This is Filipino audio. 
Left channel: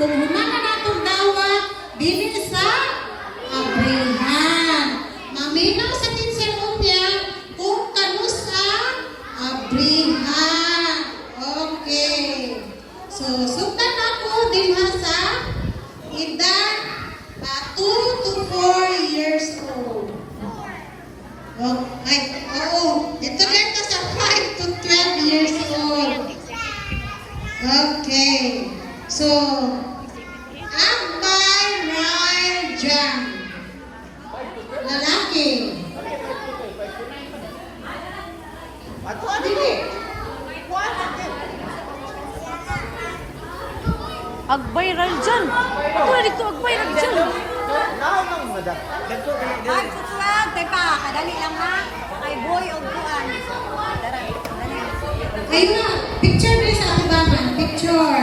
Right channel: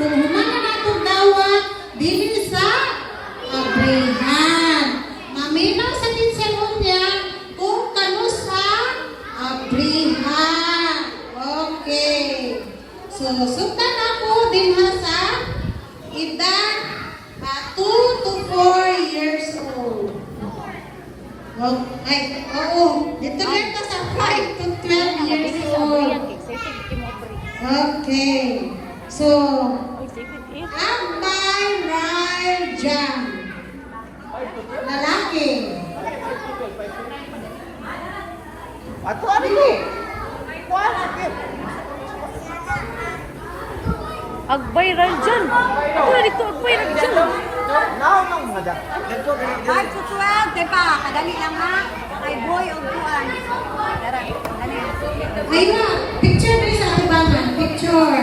kung humana nato dawat dili sa abrihan. Maminaw sa tinsanon niya kung kano sa abrihan. Okay. So, suktan ako din sa edad 2 to 4 years old. Okay. Oo. Ito dito sa 5 to 12 years old. Okay. So, Agbay Rajan. Lalaki. Dili. Agbayral dyan. Ito na dito, agbayral dyan. 5 to 12, kay pa, kadali lang ha. Kay boy o buwan. Dara, dali. Ay nga, picture na sa atibangan. Picture.